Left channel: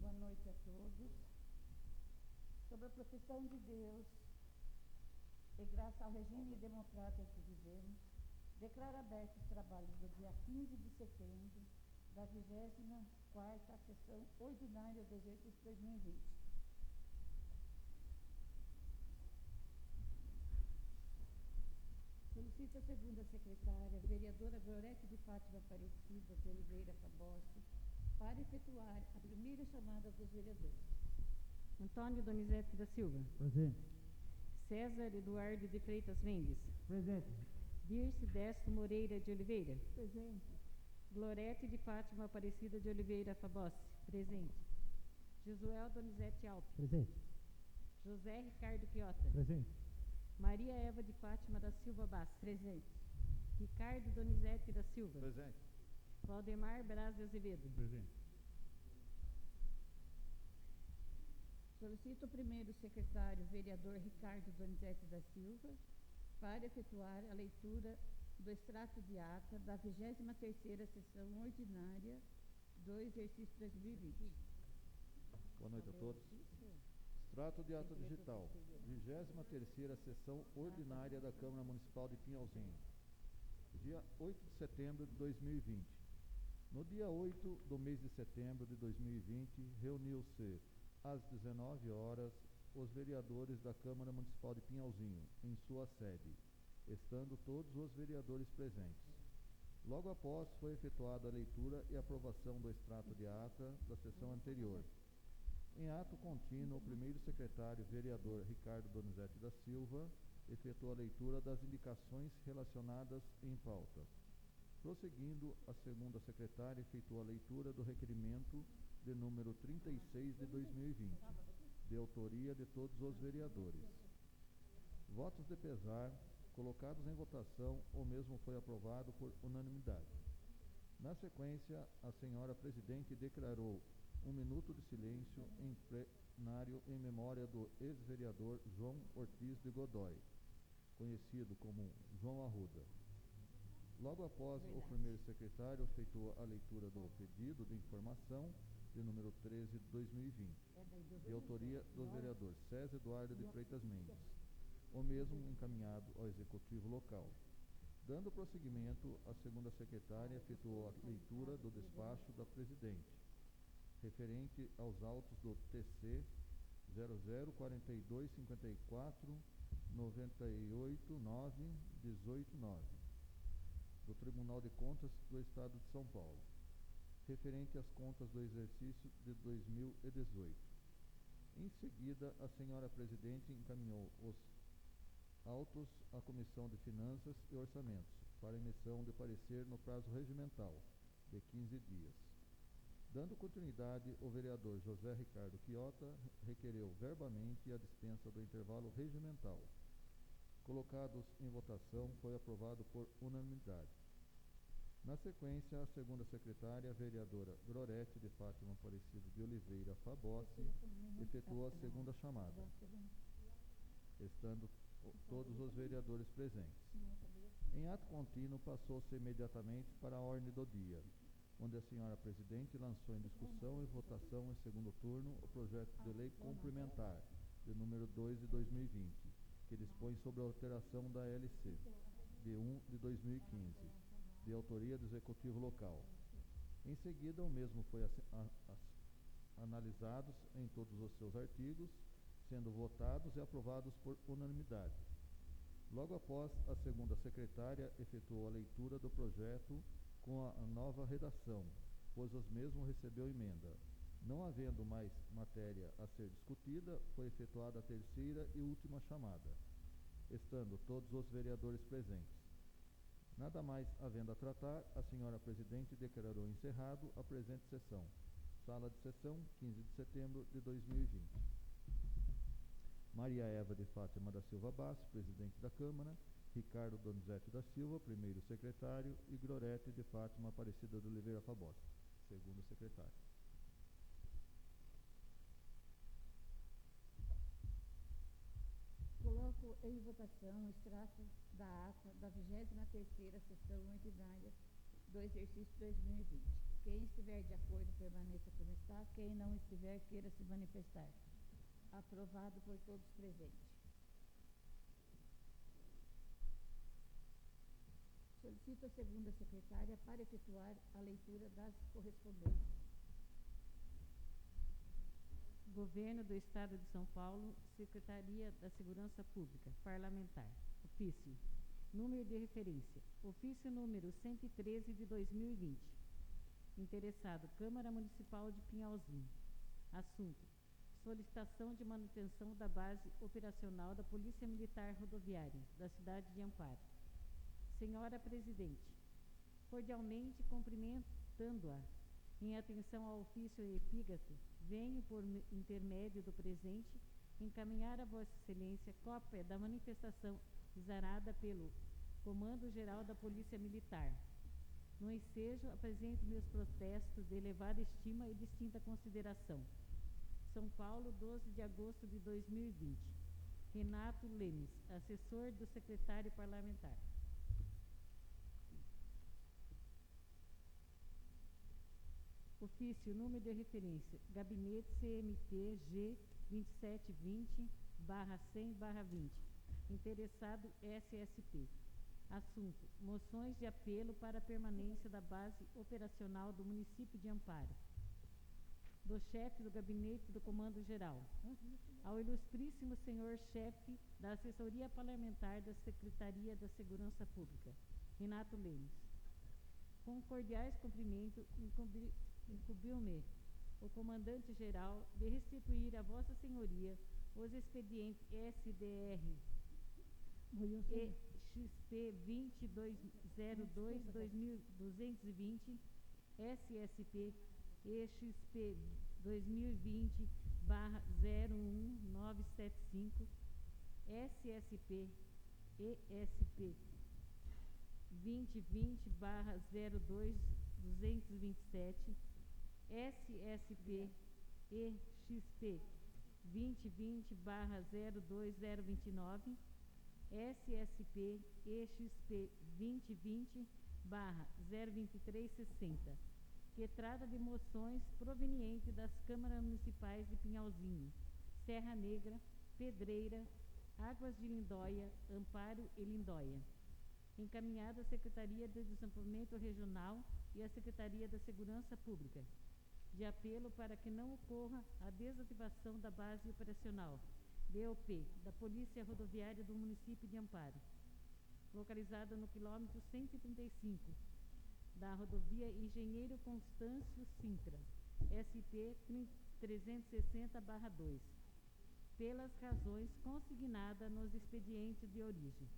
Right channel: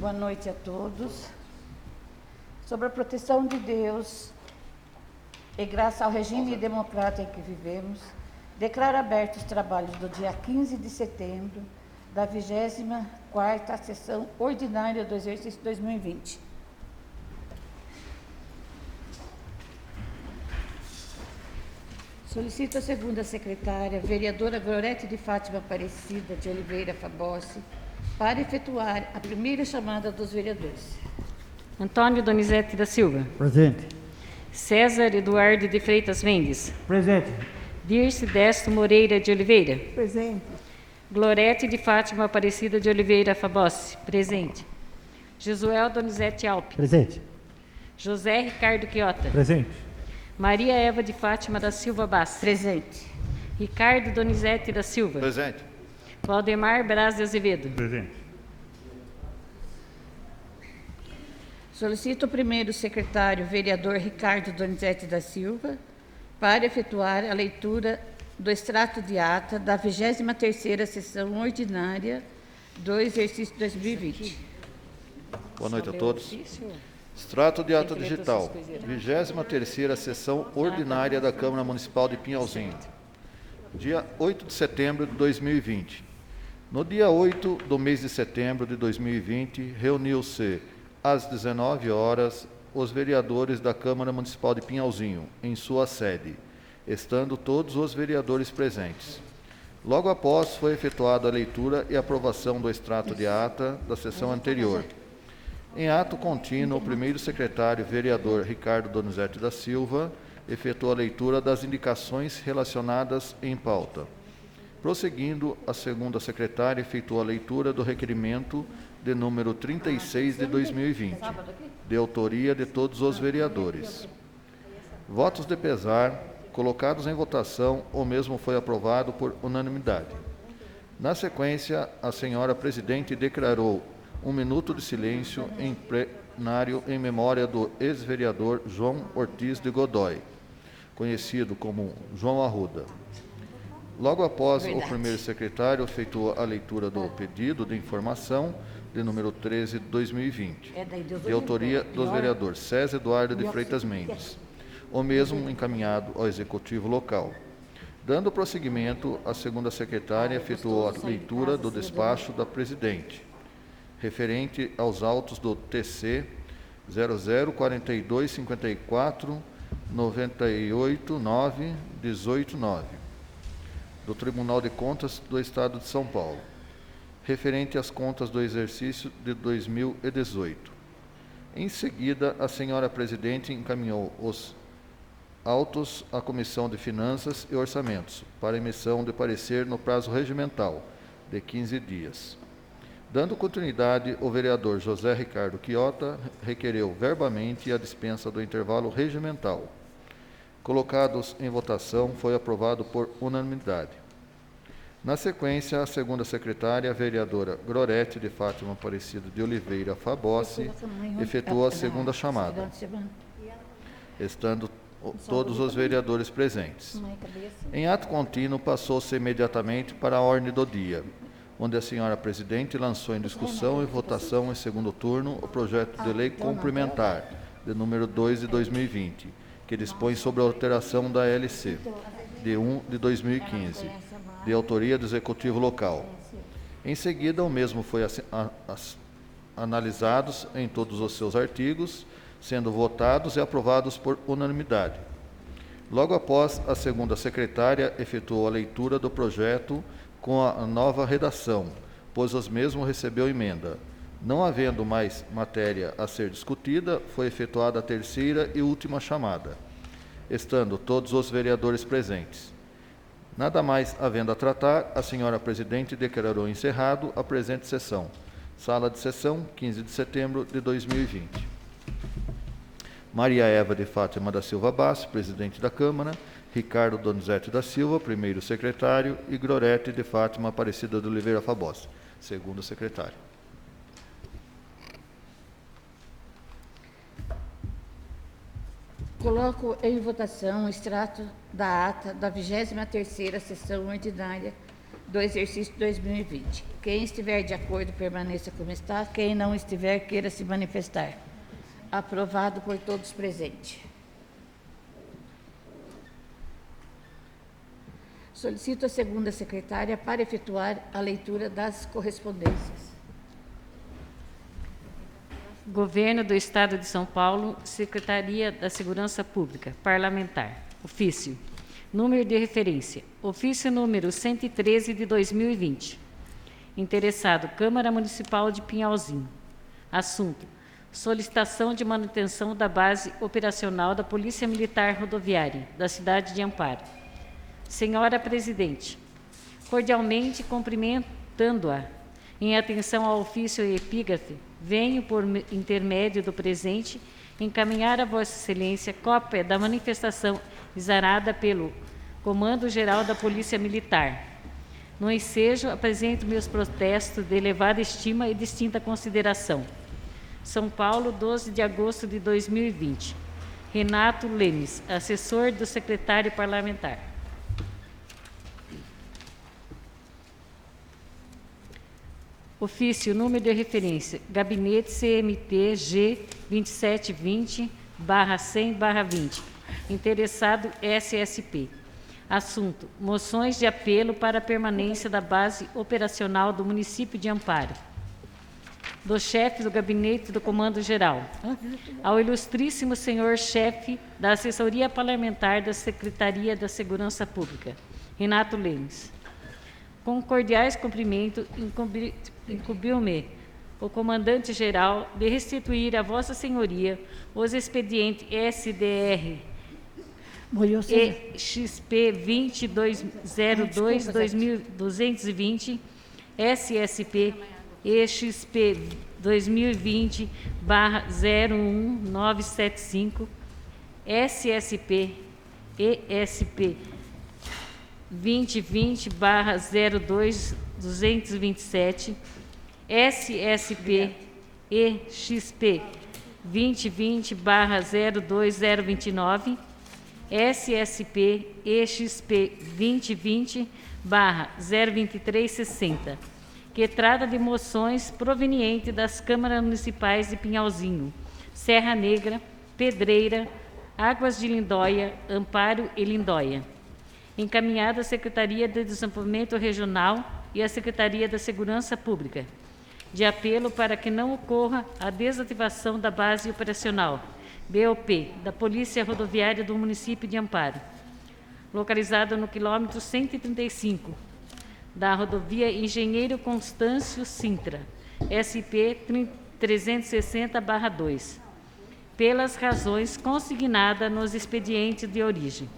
Boa noite a todos. Sobre a proteção de Deus e graças ao regime democrático em que vivemos, declaro abertos os trabalhos do dia 15 de setembro da 24ª sessão ordinária do exercício 2020. Solicito a segunda secretária, vereadora Gorete de Fátima Aparecida de Oliveira Fabossi, para efetuar a primeira chamada dos vereadores. Antônio Donizete da Silva. Presente. César Eduardo de Freitas Mendes. Presente. Dirce Desto Moreira de Oliveira. Presente. Glorete de Fátima Aparecida de Oliveira Fabossi. Presente. Josuel Donizete Alpe. Presente. José Ricardo Quiota. Presente. Maria Eva de Fátima da Silva Bass. Presente. Ricardo Donizete da Silva. Presente. Valdemar Braz de Azevedo. Presente. Solicito o primeiro secretário, vereador Ricardo Donizete da Silva, para efetuar a leitura do extrato de ata da 23ª sessão ordinária do exercício 2020. Boa noite a todos. Extrato de ata digital, 23ª sessão ordinária da Câmara Municipal de Pinhalzinho, dia 8 de setembro de 2020. No dia 8 do mês de setembro de 2020, reuniu-se às 19 horas os vereadores da Câmara Municipal de Pinhalzinho, em sua sede, estando todos os vereadores presentes. Logo após, foi efetuada a leitura e aprovação do extrato de ata da sessão anterior. Em ato contínuo, o primeiro secretário, vereador Ricardo Donizete da Silva, efetuou a leitura das indicações relacionadas em pauta. Prosseguindo, a segunda secretária efetuou a leitura do requerimento de número 36 de 2020, de autoria de todos os vereadores. Votos de pesar, colocados em votação, o mesmo foi aprovado por unanimidade. Na sequência, a senhora presidente declarou 1 minuto de silêncio em plenário em memória do ex-vereador João Ortiz de Godoy, conhecido como João Arruda. Logo após, o primeiro secretário efetuou a leitura do pedido de informação de número 13 de 2020, de autoria dos vereadores César Eduardo de Freitas Mendes, o mesmo encaminhado ao Executivo Local. Dando prosseguimento, a segunda secretária efetuou a leitura do despacho da presidente, referente aos autos do TC 004254 989 189, do Tribunal de Contas do Estado de São Paulo, referente às contas do exercício de 2018. Em seguida, a senhora presidente encaminhou os autos à Comissão de Finanças e Orçamentos para emissão de parecer no prazo regimental de 15 dias. Dando continuidade, o vereador José Ricardo Quiota requereu verbamente a dispensa do intervalo regimental. Colocados em votação, foi aprovado por unanimidade. Na sequência, a segunda secretária, a vereadora Glorete de Fátima Aparecida de Oliveira Fabossi, efetuou a segunda chamada, estando todos os vereadores presentes. Em ato contínuo, passou-se imediatamente para a ordem do dia, onde a senhora presidente lançou em discussão e votação em segundo turno o projeto de lei complementar, de número 2 de 2020, que dispõe sobre a alteração da LC, de 1 de 2015, de autoria do Executivo Local. Em seguida, o mesmo foi analisados em todos os seus artigos, sendo votados e aprovados por unanimidade. Logo após, a segunda secretária efetuou a leitura do projeto com a nova redação, pois os mesmos recebeu emenda. Não havendo mais matéria a ser discutida, foi efetuada a terceira e última chamada, estando todos os vereadores presentes. Nada mais havendo a tratar, a senhora presidente declarou encerrado a presente sessão. Sala de sessão, 15 de setembro de 2020. Maria Eva de Fátima da Silva Bass, presidente da Câmara, Ricardo Donizete da Silva, primeiro secretário, e Glorete de Fátima Aparecida de Oliveira Fabossi, segundo secretário. Coloco em votação o extrato da ata da 23ª sessão ordinária do exercício 2020. Quem estiver de acordo, permaneça como está. Quem não estiver, queira se manifestar. Aprovado por todos presentes. Solicito a segunda secretária para efetuar a leitura das correspondências. Governo do Estado de São Paulo, Secretaria da Segurança Pública, Parlamentar. Ofício. Número de referência. Ofício número 113 de 2020. Interessado, Câmara Municipal de Pinhalzinho. Assunto: solicitação de manutenção da base operacional da Polícia Militar Rodoviária da cidade de Amparo. Senhora Presidente, cordialmente cumprimentando-a, em atenção ao ofício e epígrafe, venho, por intermédio do presente, encaminhar a Vossa Excelência cópia da manifestação exarada pelo Comando-Geral da Polícia Militar. No ensejo, apresento meus protestos de elevada estima e distinta consideração. São Paulo, 12 de agosto de 2020. Renato Lemes, assessor do secretário parlamentar. Ofício, número de referência, Gabinete CMT-G 2720/100/20. Interessado SSP. Assunto: moções de apelo para a permanência da base operacional do município de Amparo. Do chefe do Gabinete do Comando Geral. Ao ilustríssimo senhor chefe da Assessoria Parlamentar da Secretaria da Segurança Pública, Renato Lemes. Com cordiais cumprimentos, incumbiu-me o comandante-geral de restituir a Vossa Senhoria os expedientes SDR EXP 2202-2220, SSP EXP 2020/01975, SSP ESP 2020/02227, SSP EXP 2020/02029, SSP EXP 2020/02360, que trata de moções provenientes das câmaras municipais de Pinhalzinho, Serra Negra, Pedreira, Águas de Lindóia, Amparo e Lindóia. Encaminhado à Secretaria de Desenvolvimento Regional e à Secretaria da Segurança Pública, de apelo para que não ocorra a desativação da base operacional, BOP, da Polícia Rodoviária do município de Amparo, localizada no quilômetro 135, da rodovia Engenheiro Constâncio Sintra, SP 360/2, pelas razões consignadas nos expedientes de origem.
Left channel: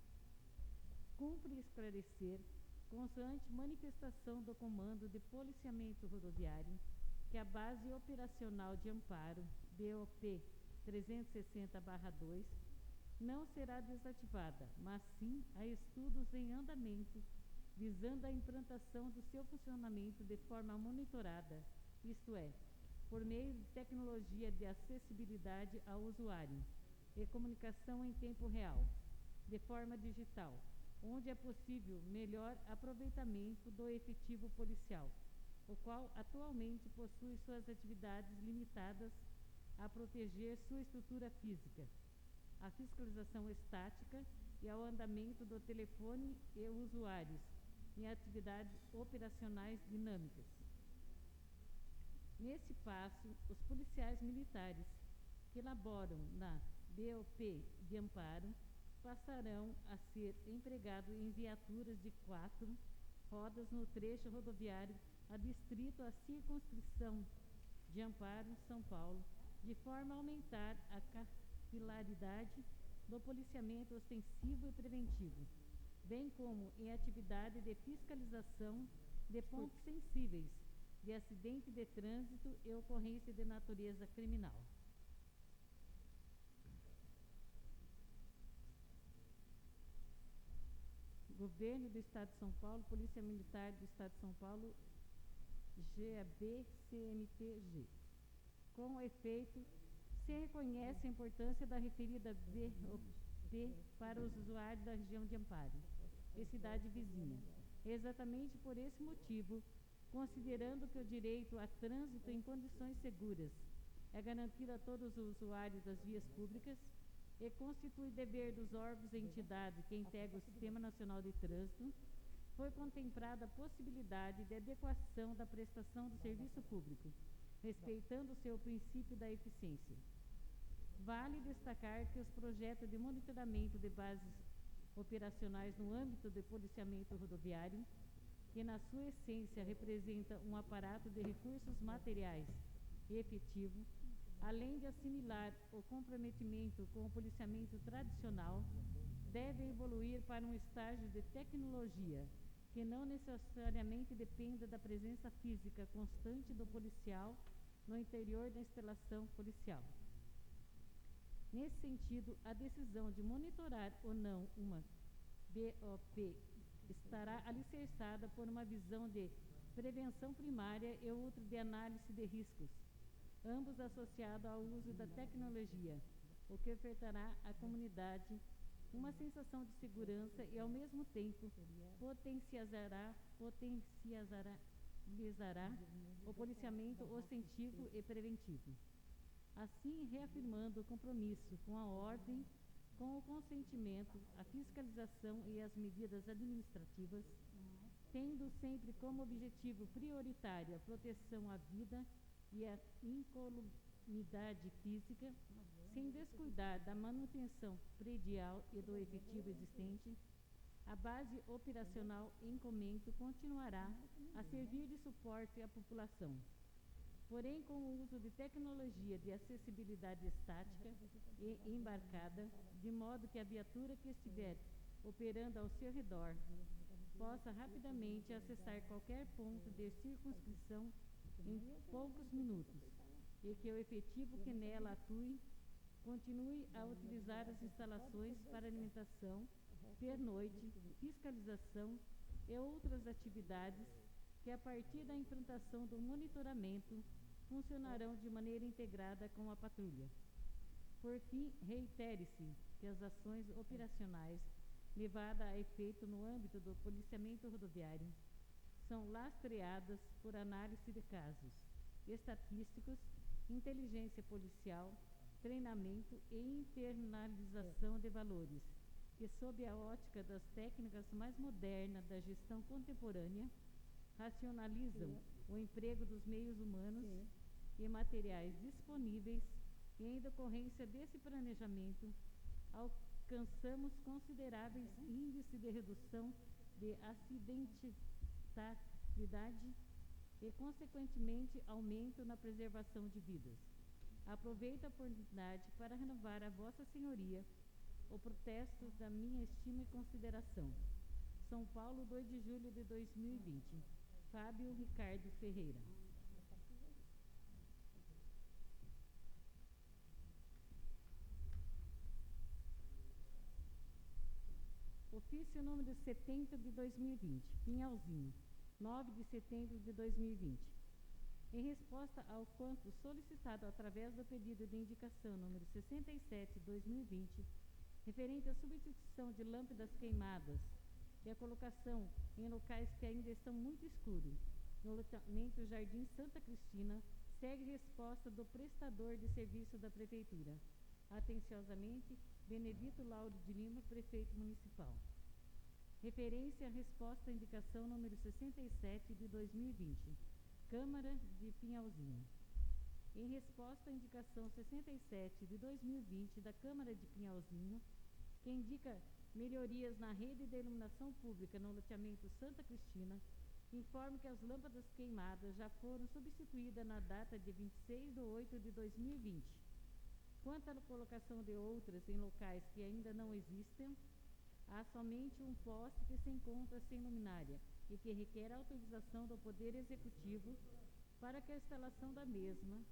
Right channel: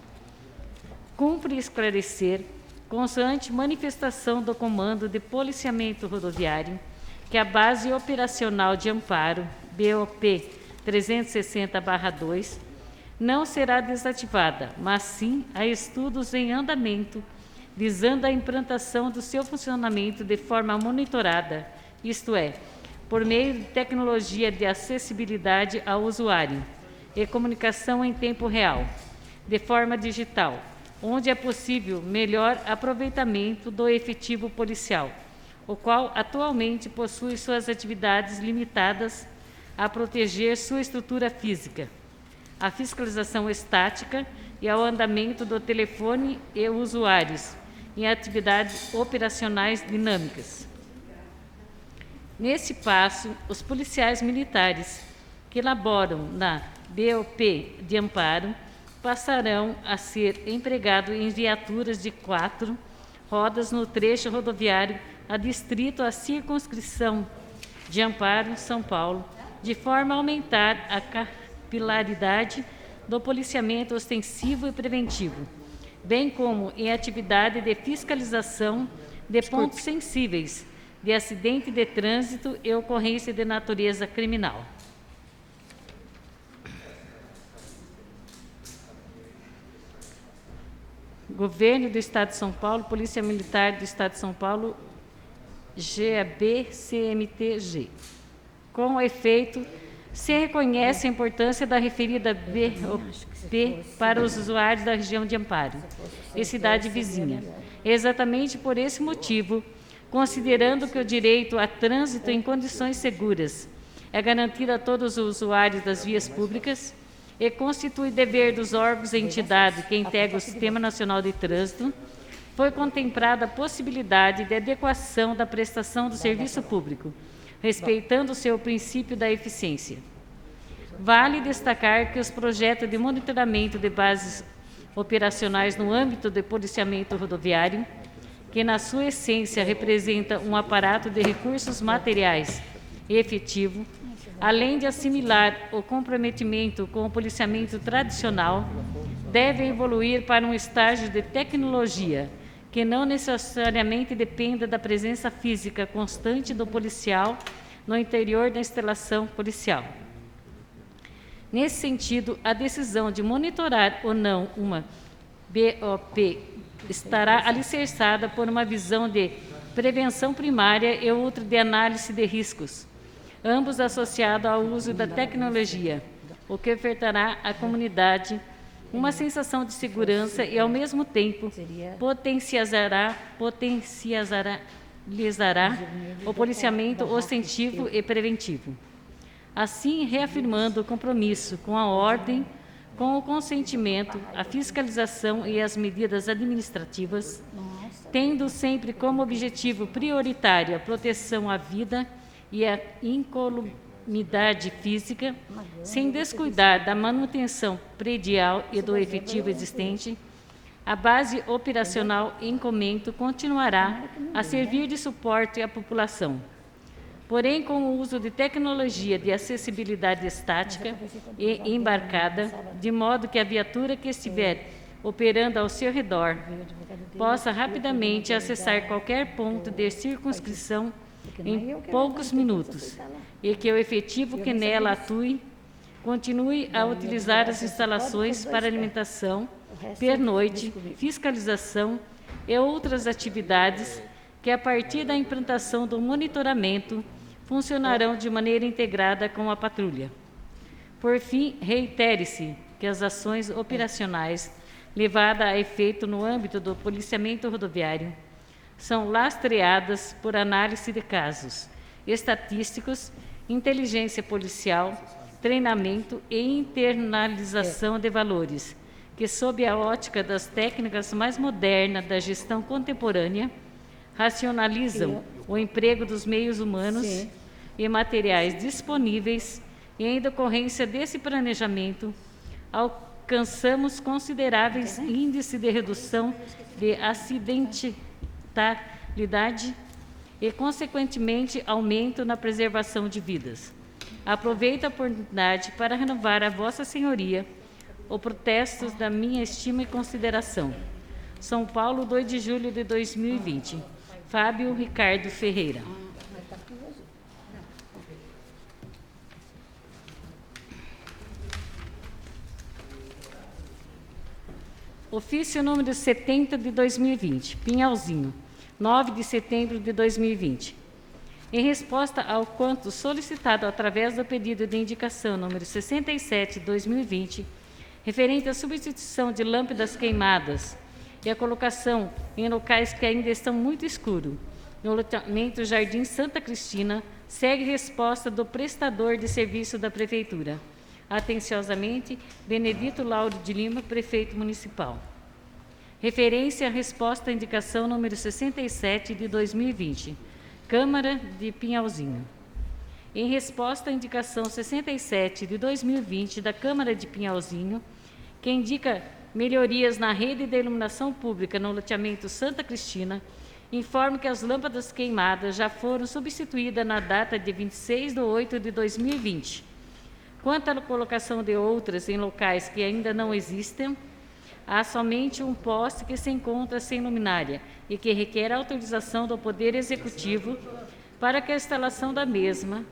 Cumpre esclarecer, consoante manifestação do Comando de Policiamento Rodoviário, que a base operacional de Amparo, BOP 360/2, não será desativada, mas sim há estudos em andamento, visando a implantação do seu funcionamento de forma monitorada, isto é, por meio de tecnologia de acessibilidade ao usuário e comunicação em tempo real, de forma digital, onde é possível melhor aproveitamento do efetivo policial, o qual atualmente possui suas atividades limitadas a proteger sua estrutura física, a fiscalização estática e ao andamento do telefone e usuários em atividades operacionais dinâmicas. Nesse passo, os policiais militares que laboram na BOP de Amparo passarão a ser empregados em viaturas de 4 rodas no trecho rodoviário adstrito à circunscrição de Amparo, São Paulo, de forma a aumentar a capilaridade do policiamento ostensivo e preventivo, bem como em atividade de fiscalização de pontos sensíveis de acidente de trânsito e ocorrência de natureza criminal. Governo do Estado de São Paulo, Polícia Militar do Estado de São Paulo, GAB-CMTG. Com efeito, Se reconhece a importância da referida BOP para os usuários da região de Amparo e cidade vizinha. Exatamente por esse motivo, considerando que o direito a trânsito em condições seguras é garantido a todos os usuários das vias públicas e constitui dever dos órgãos e entidades que integram o Sistema Nacional de Trânsito, foi contemplada a possibilidade de adequação da prestação do serviço público, respeitando o seu princípio da eficiência. Vale destacar que os projetos de monitoramento de bases operacionais no âmbito do policiamento rodoviário, que na sua essência representa um aparato de recursos materiais e efetivo, além de assimilar o comprometimento com o policiamento tradicional, deve evoluir para um estágio de tecnologia que não necessariamente dependa da presença física constante do policial no interior da instalação policial. Nesse sentido, a decisão de monitorar ou não uma BOP estará alicerçada por uma visão de prevenção primária e outra de análise de riscos, ambos associados ao uso da tecnologia, o que ofertará à comunidade uma sensação de segurança e, ao mesmo tempo, potencializará o policiamento ostentivo e preventivo. Assim, reafirmando o compromisso com a ordem, com o consentimento, a fiscalização e as medidas administrativas, tendo sempre como objetivo prioritário a proteção à vida e à incolumidade física, sem descuidar da manutenção predial e do efetivo existente, a base operacional em comento continuará a servir de suporte à população. Porém, com o uso de tecnologia de acessibilidade estática e embarcada, de modo que a viatura que estiver operando ao seu redor possa rapidamente acessar qualquer ponto de circunscrição em poucos minutos e que o efetivo que nela atue continue a utilizar as instalações para alimentação, pernoite, fiscalização e outras atividades que, a partir da implantação do monitoramento, funcionarão de maneira integrada com a patrulha. Por fim, reitere-se que as ações operacionais levadas a efeito no âmbito do policiamento rodoviário são lastreadas por análise de casos estatísticos, inteligência policial, treinamento e internalização de valores, que, sob a ótica das técnicas mais modernas da gestão contemporânea, racionalizam o emprego dos meios humanos e materiais disponíveis, e, em decorrência desse planejamento, alcançamos consideráveis índices de redução de acidentalidade e, consequentemente, aumento na preservação de vidas. Aproveito a oportunidade para renovar a Vossa Senhoria o protesto da minha estima e consideração. São Paulo, 2 de julho de 2020. Fábio Ricardo Ferreira. Ofício número 70 de 2020, Pinhalzinho, 9 de setembro de 2020. Em resposta ao quanto solicitado através do pedido de indicação número 67 de 2020, referente à substituição de lâmpadas queimadas e a colocação em locais que ainda estão muito escuros, no loteamento Jardim Santa Cristina, segue resposta do prestador de serviço da Prefeitura. Atenciosamente, Benedito Lauro de Lima, Prefeito Municipal. Referência à resposta à indicação número 67 de 2020, Câmara de Pinhalzinho. Em resposta à indicação 67 de 2020 da Câmara de Pinhalzinho, que indica melhorias na rede de iluminação pública no loteamento Santa Cristina, informo que as lâmpadas queimadas já foram substituídas na data de 26 de 8 de 2020. Quanto à colocação de outras em locais que ainda não existem, há somente um poste que se encontra sem luminária e que requer autorização do Poder Executivo para que a instalação da mesma,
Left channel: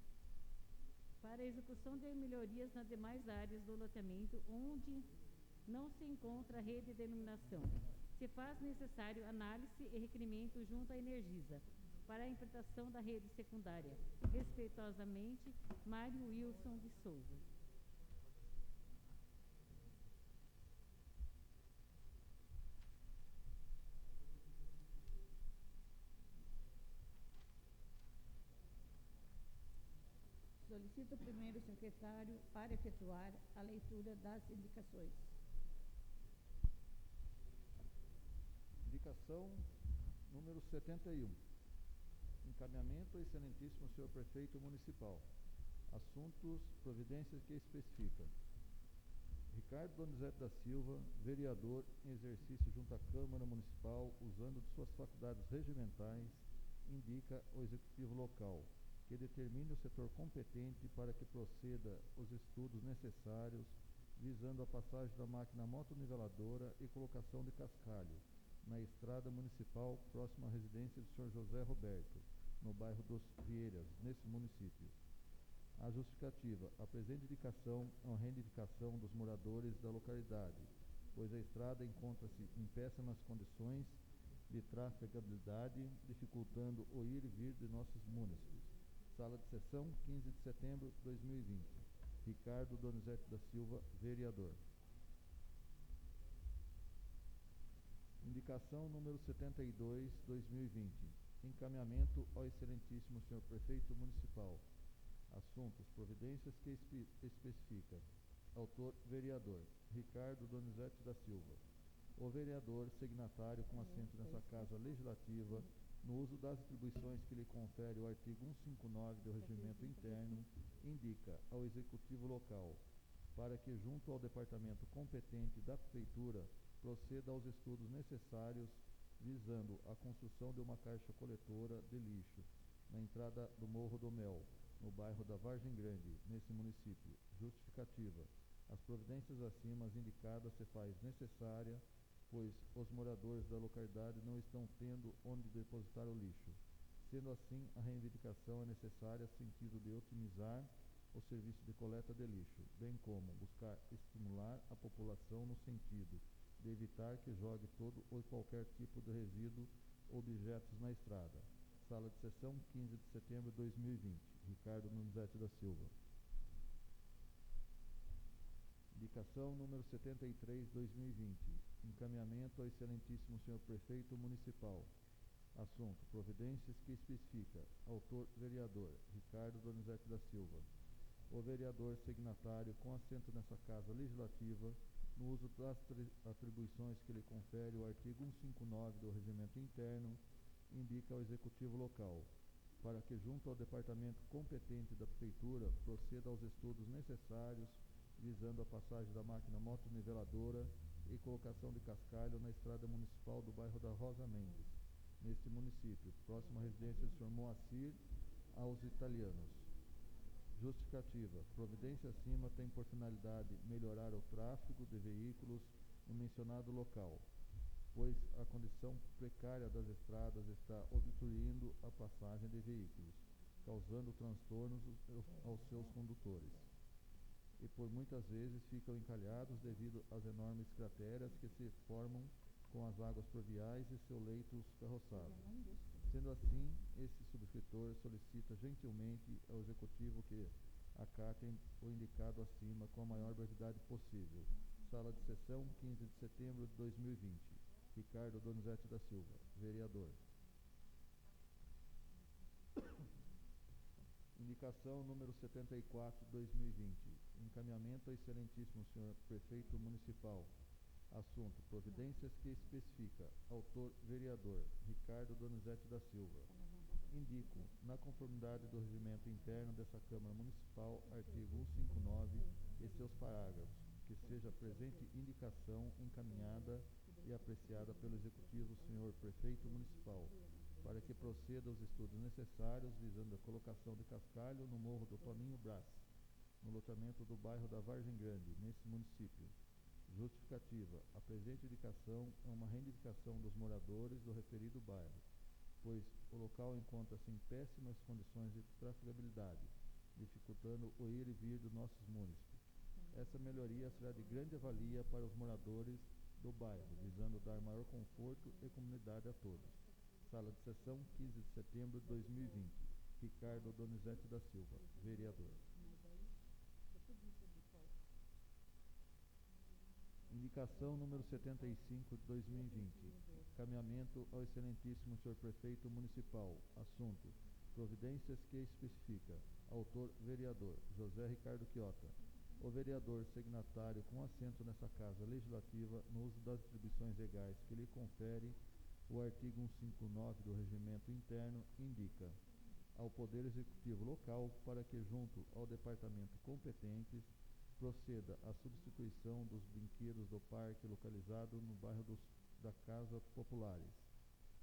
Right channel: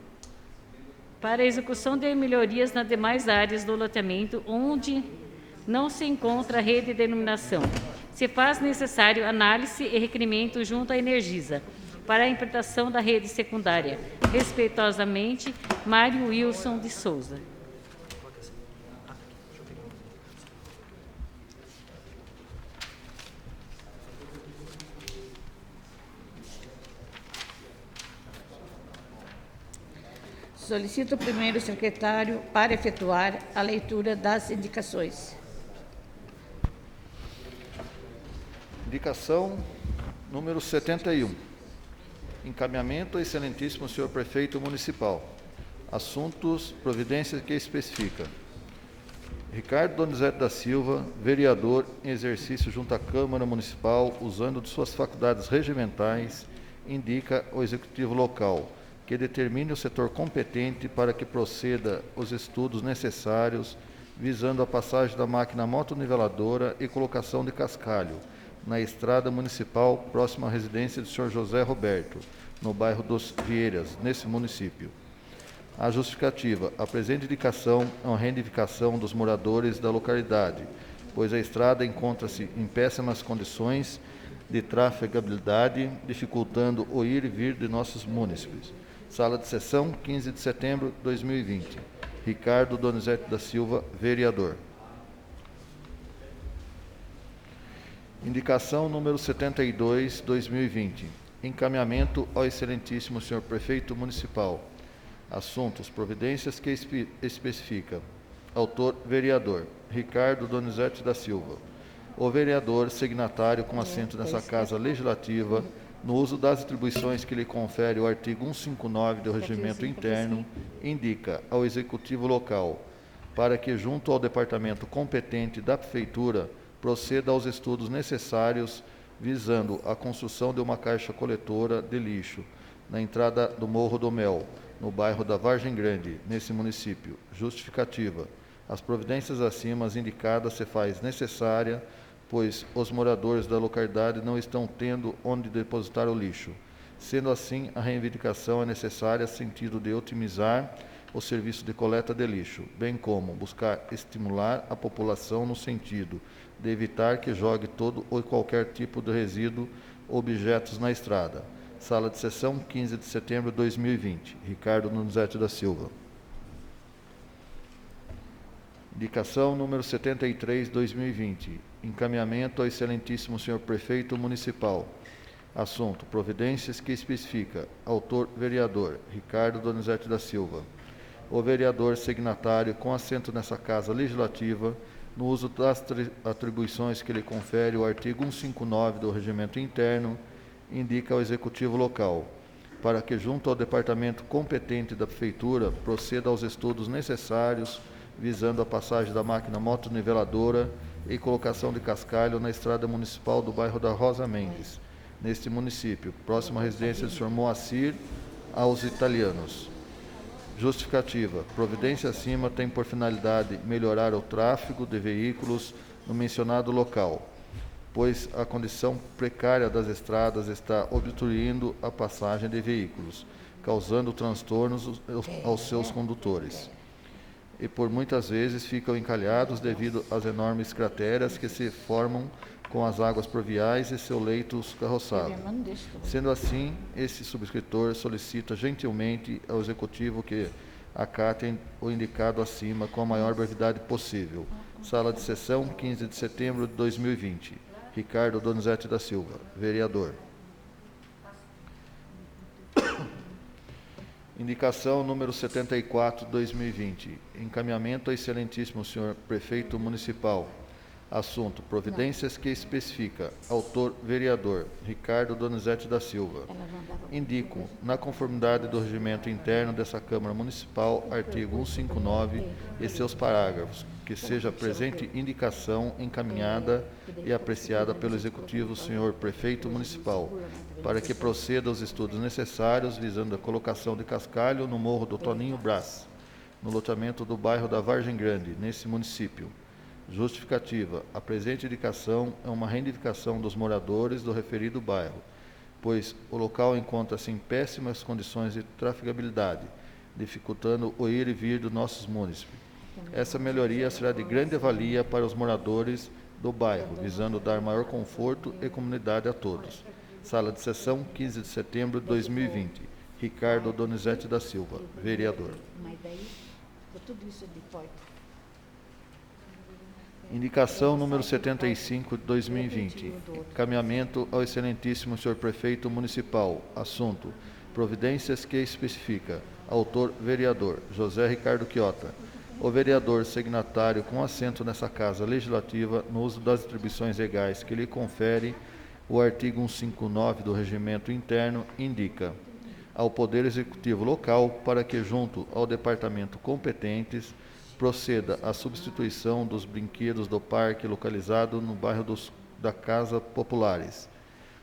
para a execução de melhorias nas demais áreas do loteamento onde não se encontra a rede de iluminação. Se faz necessário análise e requerimento junto à Energisa, para a implantação da rede secundária. Respeitosamente, Mário Wilson de Souza. Solicito o primeiro secretário para efetuar a leitura das indicações. Indicação número 71. Encaminhamento ao excelentíssimo senhor prefeito municipal. Assuntos, providências que especifica. Ricardo Donizete da Silva, vereador em exercício junto à Câmara Municipal, usando de suas faculdades regimentais, indica ao executivo local que determine o setor competente para que proceda os estudos necessários visando a passagem da máquina motoniveladora e colocação de cascalho na estrada municipal próxima à residência do senhor José Roberto, no bairro dos Vieiras, nesse município. A justificativa: a presente indicação é uma reivindicação dos moradores da localidade, pois a estrada encontra-se em péssimas condições de trafegabilidade, dificultando o ir e vir de nossos munícipes. Sala de sessão, 15 de setembro de 2020. Ricardo Donizete da Silva, vereador. Indicação número 72, 2020. Encaminhamento ao excelentíssimo senhor prefeito municipal. Assuntos, providências que especifica. Autor, vereador Ricardo Donizete da Silva. O vereador signatário com assento nessa Casa Legislativa, no uso das atribuições que lhe confere o artigo 159 do Regimento Interno, indica ao Executivo local, para que, junto ao departamento competente da Prefeitura, proceda aos estudos necessários visando a construção de uma caixa coletora de lixo na entrada do Morro do Mel, no bairro da Vargem Grande, nesse município. Justificativa: as providências acima indicadas se faz necessária, pois os moradores da localidade não estão tendo onde depositar o lixo. Sendo assim, a reivindicação é necessária no sentido de otimizar o serviço de coleta de lixo, bem como buscar estimular a população no sentido de evitar que jogue todo ou qualquer tipo de resíduo ou objetos na estrada. Sala de sessão, 15 de setembro de 2020. Ricardo Donizete da Silva. Indicação número 73, 2020. Encaminhamento ao excelentíssimo senhor prefeito municipal. Assunto, providências que especifica. Autor, vereador Ricardo Donizete da Silva. O vereador signatário com assento nessa Casa Legislativa, no uso das atribuições que lhe confere o artigo 159 do Regimento Interno, indica ao Executivo local, para que, junto ao departamento competente da Prefeitura, proceda aos estudos necessários visando a passagem da máquina motoniveladora e colocação de cascalho na estrada municipal do bairro da Rosa Mendes, neste município, próximo à residência do senhor Moacir, aos italianos. Justificativa: providência acima tem por finalidade melhorar o tráfego de veículos no mencionado local, pois a condição precária das estradas está obstruindo a passagem de veículos, causando transtornos aos seus condutores. E por muitas vezes ficam encalhados devido às enormes crateras que se formam com as águas pluviais e seus leitos carroçados. Sendo assim, esse subscritor solicita gentilmente ao Executivo que acatem o indicado acima com a maior brevidade possível. Sala de sessão, 15 de setembro de 2020. Ricardo Donizete da Silva, vereador. Indicação número 74, 2020. Encaminhamento ao excelentíssimo senhor prefeito municipal. Assunto, providências que especifica. Autor, vereador Ricardo Donizete da Silva. Indico, na conformidade do regimento interno dessa Câmara Municipal, artigo 159 e seus parágrafos, que seja a presente indicação encaminhada e apreciada pelo Executivo senhor prefeito municipal, para que proceda aos estudos necessários visando a colocação de cascalho no Morro do Toninho Brás, no loteamento do bairro da Vargem Grande, nesse município. Justificativa: a presente indicação é uma reivindicação dos moradores do referido bairro, pois o local encontra-se em péssimas condições de trafegabilidade, dificultando o ir e vir dos nossos munícipes. Essa melhoria será de grande valia para os moradores do bairro, visando dar maior conforto e comunidade a todos. Sala de sessão, 15 de setembro de 2020. Ricardo Donizete da Silva, vereador. Mas daí, tudo isso de porta. Indicação número 75 de 2020. Encaminhamento ao excelentíssimo senhor prefeito municipal. Assunto: providências que especifica. Autor: vereador José Ricardo Chiota. O vereador signatário com assento nessa Casa Legislativa, no uso das atribuições legais que lhe confere o artigo 159 do Regimento Interno, indica ao Poder Executivo local para que, junto ao departamento competentes, proceda à substituição dos brinquedos do parque localizado no bairro da Casa Populares.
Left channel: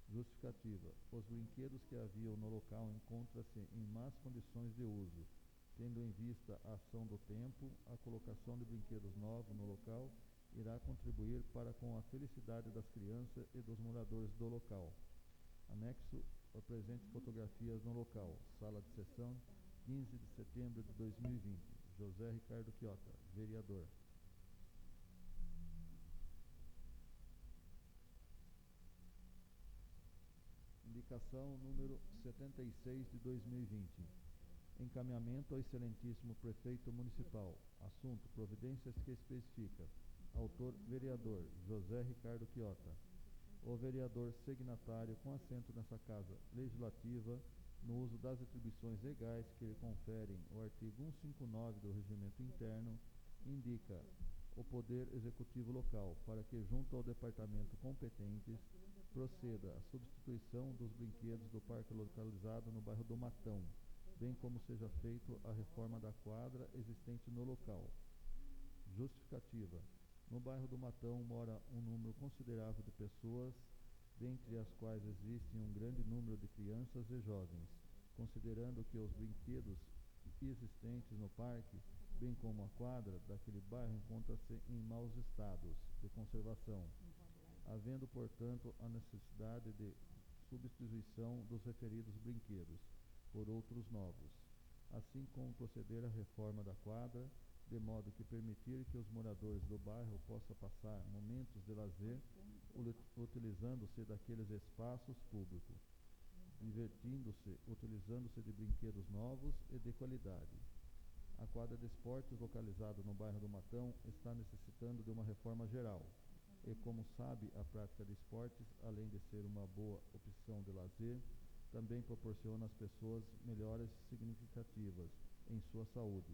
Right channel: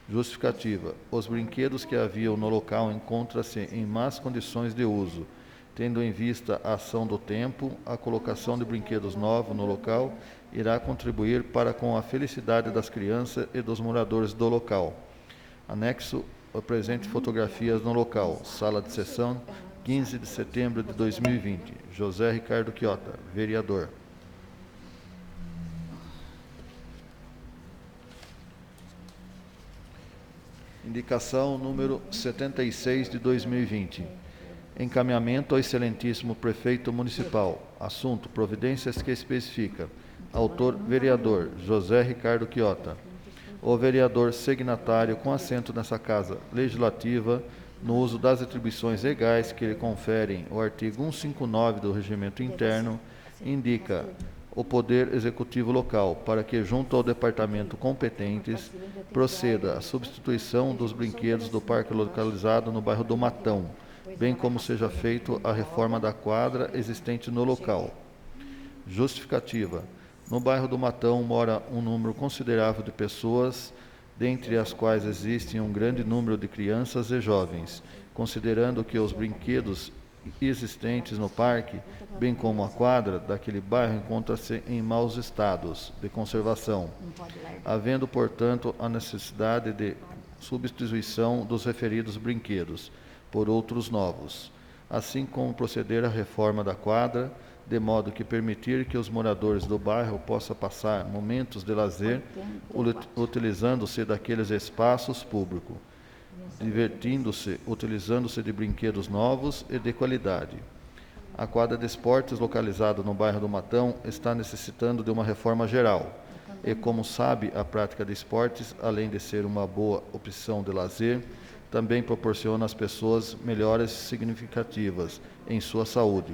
Justificativa: os brinquedos que haviam no local encontram-se em más condições de uso. Tendo em vista a ação do tempo, a colocação de brinquedos novos no local irá contribuir para com a felicidade das crianças e dos moradores do local. Anexo ao presente fotografias no local. Sala de sessão, 15 de setembro de 2020. José Ricardo Chiota, vereador. Indicação número 76 de 2020. Encaminhamento ao excelentíssimo prefeito municipal. Assunto: providências que especifica. Autor: vereador José Ricardo Chiota. O vereador signatário com assento nessa Casa Legislativa, no uso das atribuições legais que lhe conferem o artigo 159 do Regimento Interno, indica o Poder Executivo local para que, junto ao departamento competentes, proceda à substituição dos brinquedos do parque localizado no bairro do Matão, bem como seja feito a reforma da quadra existente no local. Justificativa: no bairro do Matão mora um número considerável de pessoas, dentre as quais existe um grande número de crianças e jovens, considerando que os brinquedos existentes no parque, bem como a quadra daquele bairro, encontram-se em maus estados de conservação, havendo, portanto, a necessidade de substituição dos referidos brinquedos por outros novos, assim como proceder à reforma da quadra, de modo que permitir que os moradores do bairro possam passar momentos de lazer utilizando-se daqueles espaços públicos, divertindo-se, utilizando-se de brinquedos novos e de qualidade. A quadra de esportes localizada no bairro do Matão está necessitando de uma reforma geral e, como sabe, a prática de esportes, além de ser uma boa opção de lazer, também proporciona às pessoas melhoras significativas em sua saúde.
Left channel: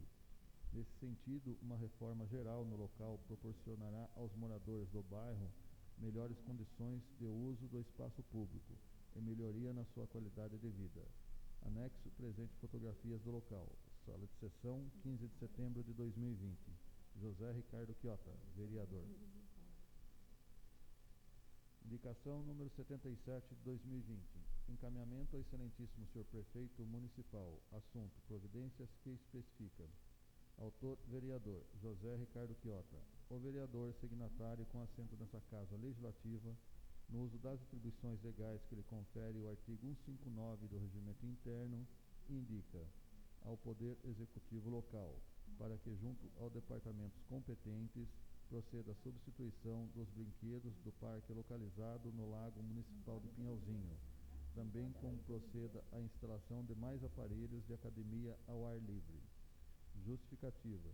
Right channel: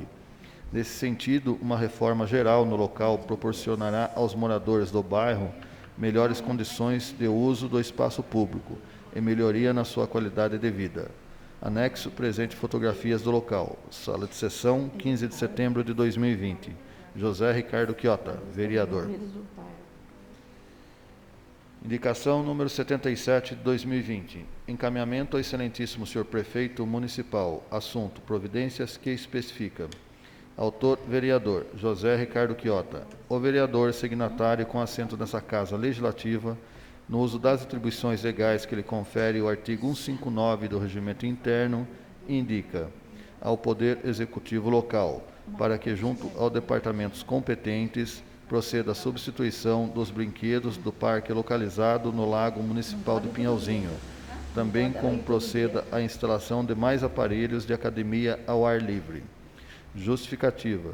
Nesse sentido, uma reforma geral no local proporcionará aos moradores do bairro melhores condições de uso do espaço público e melhoria na sua qualidade de vida. Anexo presente fotografias do local. Sala de sessão, 15 de setembro de 2020. José Ricardo Chiota, vereador. Indicação número 77 de 2020. Encaminhamento ao excelentíssimo senhor prefeito municipal. Assunto: providências que especifica. Autor: vereador José Ricardo Chiota. O vereador signatário com assento nessa Casa Legislativa, no uso das atribuições legais que lhe confere o artigo 159 do Regimento Interno, indica ao Poder Executivo local para que, junto aos departamentos competentes, proceda à substituição dos brinquedos do parque localizado no Lago Municipal de Pinhalzinho, também como proceda à instalação de mais aparelhos de academia ao ar livre. Justificativa:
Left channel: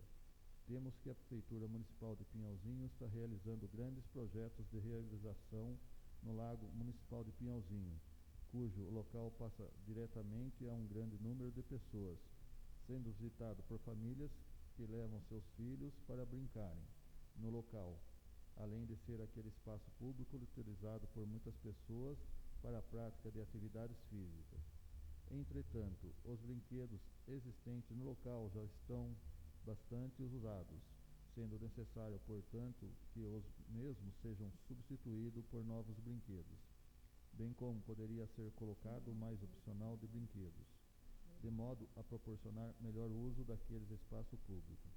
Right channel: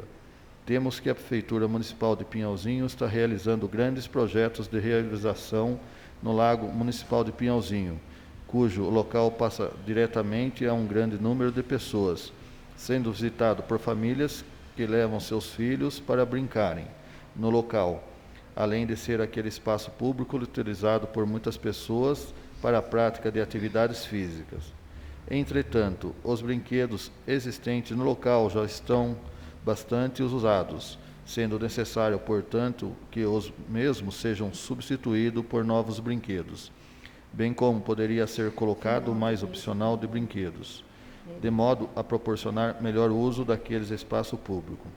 temos que a Prefeitura Municipal de Pinhalzinho está realizando grandes projetos de realização no Lago Municipal de Pinhalzinho, cujo local passa diretamente a um grande número de pessoas, sendo visitado por famílias que levam seus filhos para brincarem no local, além de ser aquele espaço público utilizado por muitas pessoas para a prática de atividades físicas. Entretanto, os brinquedos existentes no local já estão bastante usados, sendo necessário, portanto, que os mesmos sejam substituídos por novos brinquedos, bem como poderia ser colocado mais opcional de brinquedos, de modo a proporcionar melhor uso daqueles espaços públicos.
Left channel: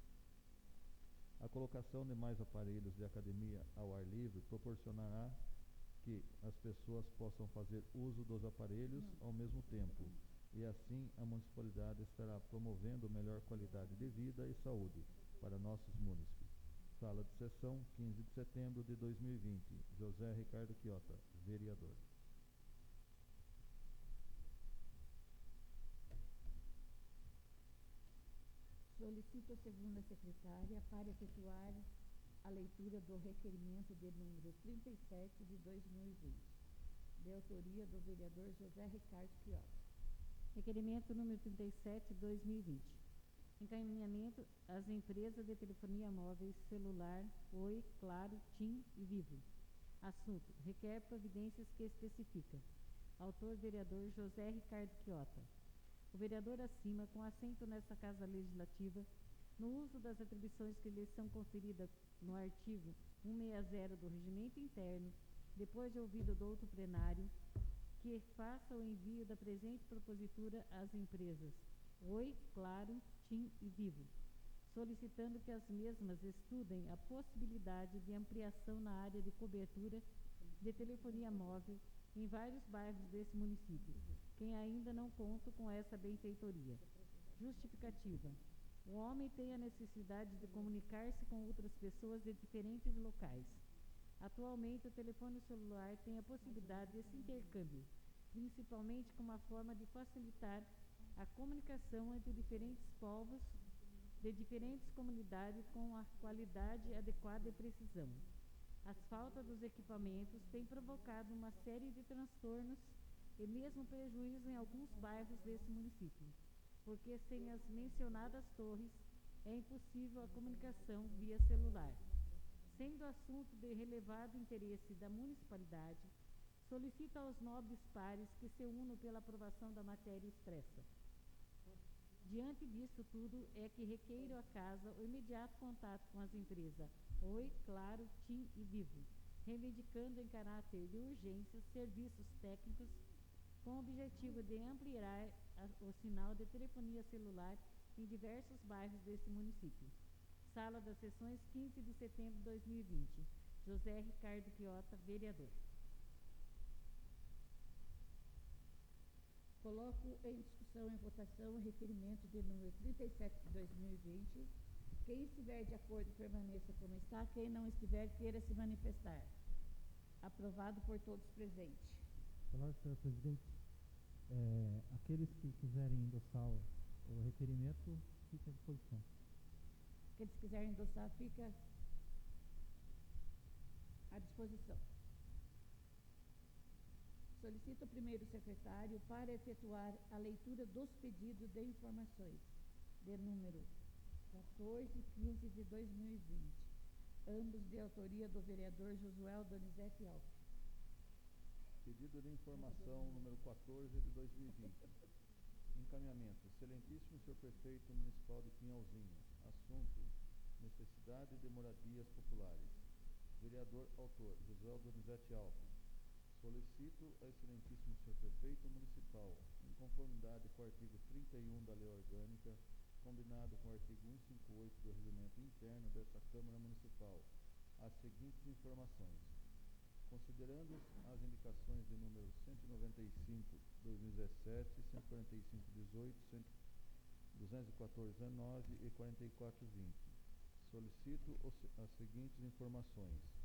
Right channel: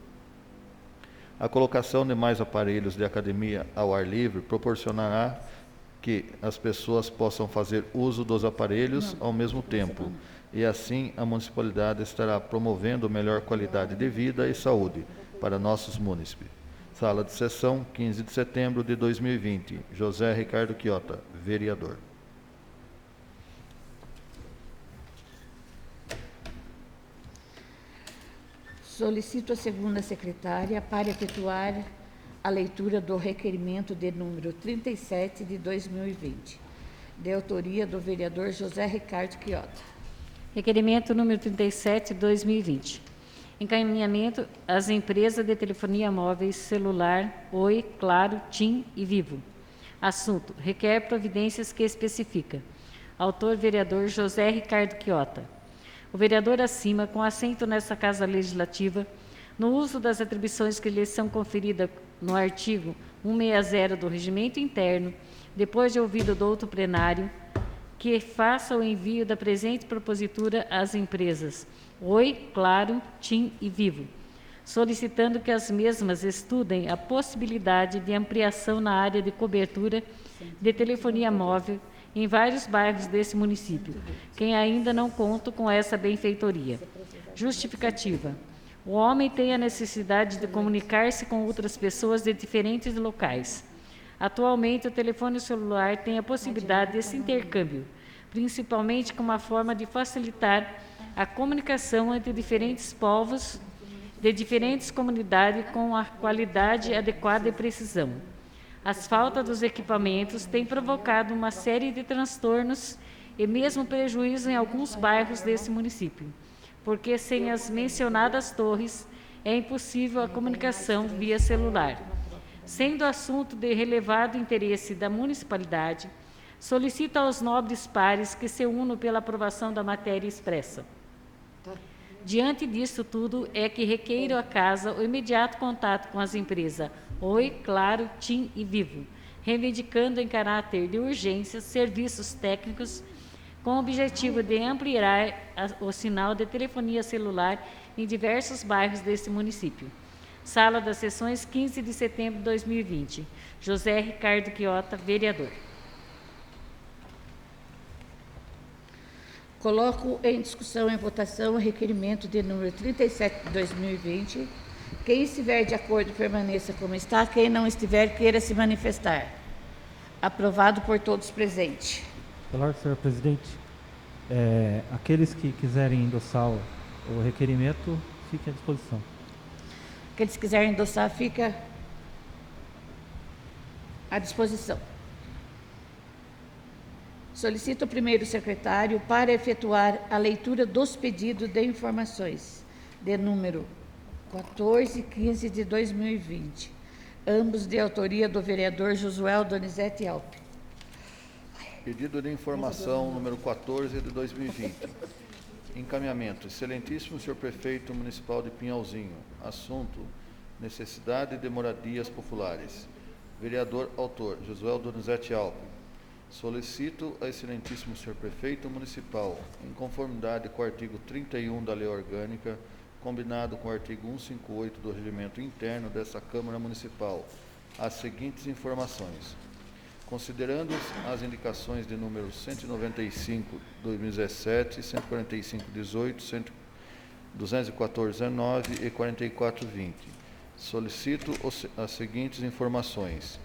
A colocação de mais aparelhos de academia ao ar livre proporcionará que as pessoas possam fazer uso dos aparelhos ao mesmo tempo, e assim a municipalidade estará promovendo melhor qualidade de vida e saúde para nossos munícipes. Sala de sessão, 15 de setembro de 2020. José Ricardo Chiota, vereador. Solicito a segunda secretária para efetuar a leitura do requerimento de número 37 de 2020, de autoria do vereador José Ricardo Quiota. Requerimento número 37, 2020. Encaminhamento às empresas de telefonia móvel celular Oi, Claro, TIM e Vivo. Assunto: requer providências que especifica. Autor: vereador José Ricardo Quiota. O vereador acima, com assento nesta Casa Legislativa, no uso das atribuições que lhe são conferidas no artigo 160 do Regimento Interno, depois de ouvido do outro plenário, que faça o envio da presente propositura às empresas Oi, Claro, TIM e Vivo, solicitando que as mesmas estudem a possibilidade de ampliação na área de cobertura de telefonia móvel em vários bairros desse município, quem ainda não conta com essa benfeitoria. Justificativa: o homem tem a necessidade de comunicar-se com outras pessoas de diferentes locais. Atualmente, o telefone celular tem a possibilidade desse intercâmbio, principalmente como uma forma de facilitar a comunicação entre diferentes povos de diferentes comunidades com a qualidade adequada e precisão. As faltas dos equipamentos têm provocado uma série de transtornos e mesmo prejuízo em alguns bairros desse município, porque sem as mencionadas torres é impossível a comunicação via celular. Sendo assunto de relevado interesse da municipalidade, solicito aos nobres pares que se unam pela aprovação da matéria expressa. Diante disso tudo, é que requeiro à Casa o imediato contato com as empresas Oi, Claro, TIM e Vivo, reivindicando em caráter de urgência serviços técnicos com o objetivo de ampliar o sinal de telefonia celular em diversos bairros deste município. Sala das Sessões, 15 de setembro de 2020. José Ricardo Quiota, vereador. Coloco em discussão e votação o requerimento de número 37 de 2020. Quem estiver de acordo, permaneça como está. Quem não estiver, queira se manifestar. Aprovado por todos presentes. Pela ordem, senhor presidente, aqueles que quiserem endossar o requerimento, fiquem à disposição. Aqueles que quiserem endossar, fica à disposição. Solicito o primeiro secretário para efetuar a leitura dos pedidos de informações de número 14 e 15 de 2020, ambos de autoria do vereador Josué Donizete Alpe. Pedido de informação número 14 de 2020. Encaminhamento. Excelentíssimo senhor prefeito municipal de Pinhalzinho. Assunto: necessidade de moradias populares. Vereador autor, Josué Donizete Alpe. Solicito a excelentíssimo senhor prefeito municipal, em conformidade com o artigo 31 da Lei Orgânica, combinado com o artigo 158 do Regimento Interno dessa Câmara Municipal, as seguintes informações. Considerando as indicações de número 195, 2017, 145, 18, 214, 19 e 44, 20. Solicito as seguintes informações.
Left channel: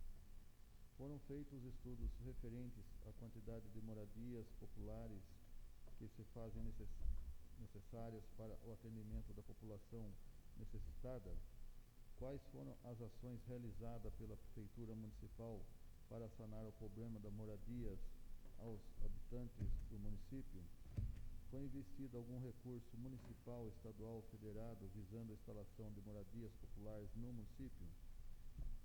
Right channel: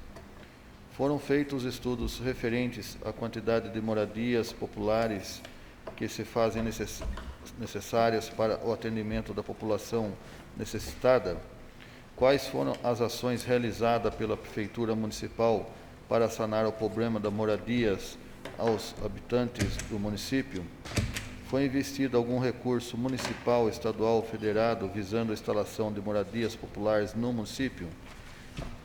Foram feitos estudos referentes à quantidade de moradias populares que se fazem necessárias para o atendimento da população necessitada? Quais foram as ações realizadas pela Prefeitura Municipal para sanar o problema das moradias aos habitantes do município? Foi investido algum recurso municipal, estadual, federado, visando a instalação de moradias populares no município?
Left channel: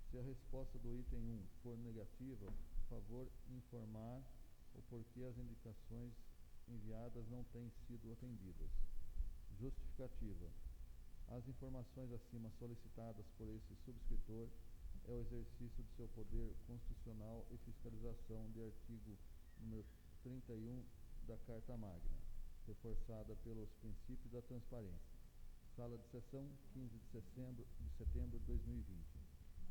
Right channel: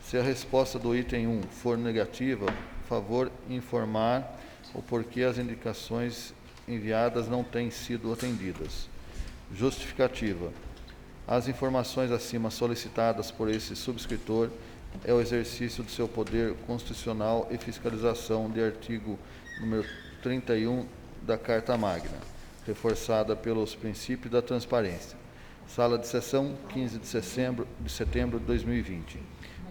Se a resposta do item 1 for negativa, favor informar o porquê as indicações enviadas não têm sido atendidas. Justificativa. As informações acima solicitadas por esse subscritor é o exercício do seu poder constitucional e fiscalização de artigo número 31 da Carta Magna, reforçada pelos princípios da transparência. Sala de sessão, 15 de setembro de 2020.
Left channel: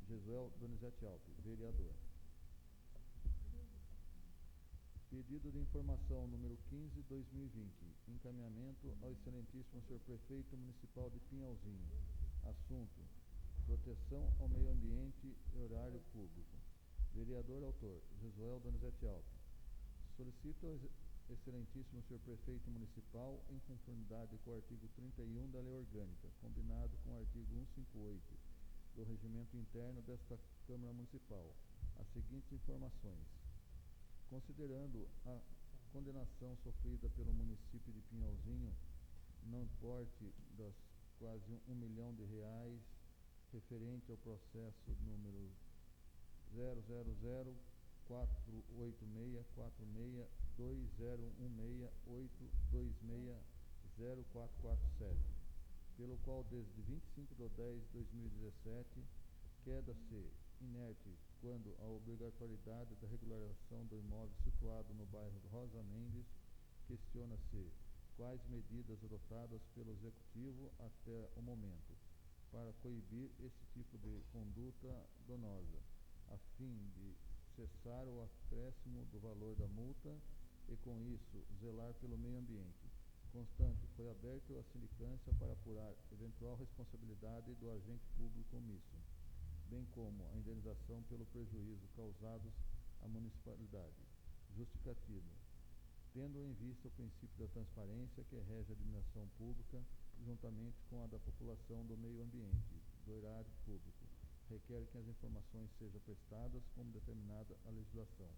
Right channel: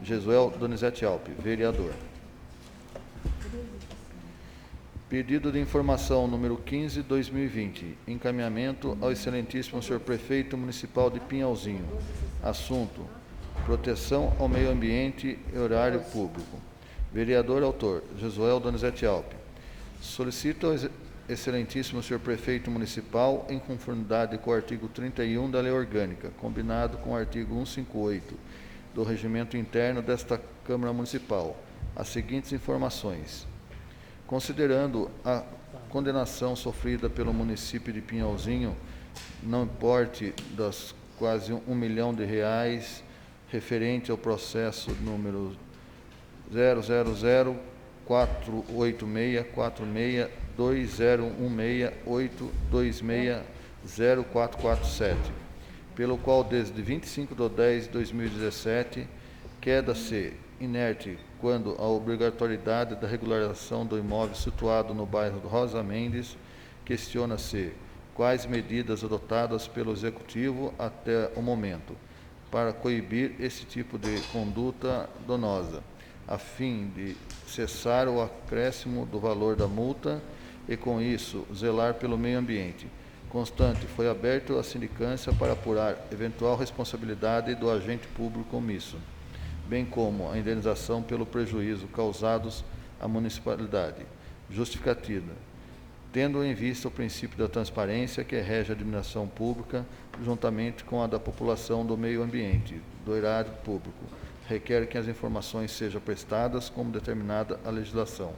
Josué Donizete Alpe, vereador. Pedido de informação número 15, 2020. Encaminhamento ao excelentíssimo senhor prefeito municipal de Pinhalzinho. Assunto: proteção ao meio ambiente e horário público. Vereador autor, Josué Donizete Alpe. Solicito excelentíssimo senhor prefeito municipal, em conformidade com o artigo 31 da Lei Orgânica, combinado com o artigo 158 do Regimento Interno desta Câmara Municipal, as seguintes informações. Considerando a condenação sofrida pelo município de Pinhalzinho, não importe das quase R$ 1 milhão, referente ao processo número 000-486-46-2016-826-047, pelo qual, desde 25/10/2017, queda-se inerte quando a obrigatoriedade da regularização do imóvel situado no bairro Rosa Mendes, questiona-se quais medidas adotadas pelo Executivo até o momento para coibir esse tipo de conduta danosa, a fim de cessar o acréscimo do valor da multa e, com isso, zelar pelo meio ambiente. Constante, foi aberto a sindicância para apurar eventual responsabilidade do agente público omisso, bem como a indenização pelo prejuízo causados à municipalidade. Justificativa. Tendo em vista o princípio da transparência que rege a administração pública, juntamente com a da população do meio ambiente, do erário público, requer que as informações sejam prestadas como determinada a legislação.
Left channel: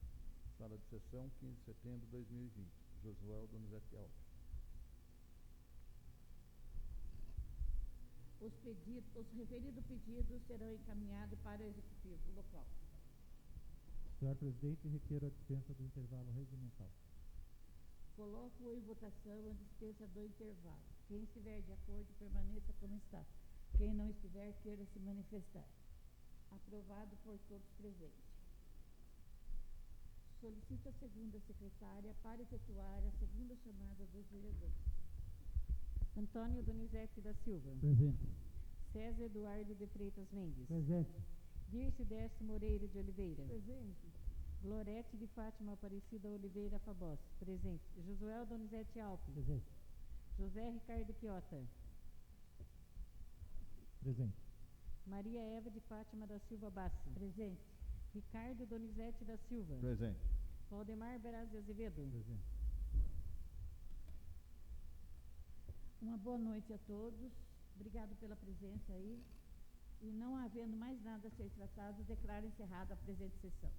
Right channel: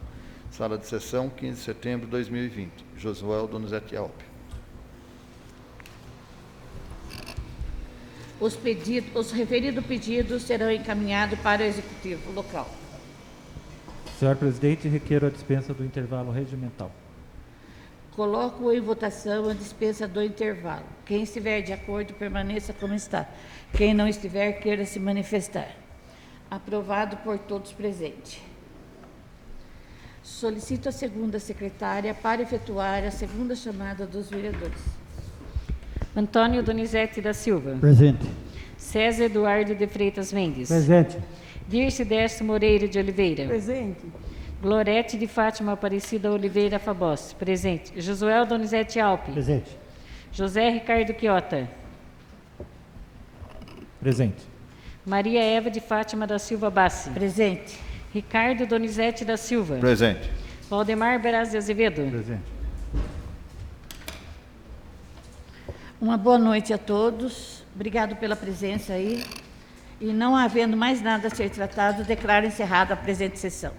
Sala de sessão, 15 de setembro de 2020. Josuel Donizete Alpe. Os referidos pedidos serão encaminhados para o Executivo local. Senhor presidente, requeiro a dispensa do intervalo regimental. Coloco em votação a dispensa do intervalo. Quem estiver de acordo, permaneça como está. Quem não estiver, queira se manifestar. Aprovado por todos presentes. Solicito a segunda secretária para efetuar a segunda chamada dos vereadores. Antônio Donizete da Silva. Presente. César Eduardo de Freitas Mendes. Presente. Dirce Décio Moreira de Oliveira. Presente. Glorete de Fátima Aparecida Oliveira Fabós. Presente. Josuel Donizete Alpe. Presente. José Ricardo Quiota. Presente. Maria Eva de Fátima da Silva Bassi. Presente. Ricardo Donizete da Silva. Presente. Valdemar Beraz de Azevedo. Presente. Uma boa noite a todos. Obrigado pela presença aí. E não havendo mais nada a ser tratado, declaro encerrada a presente sessão.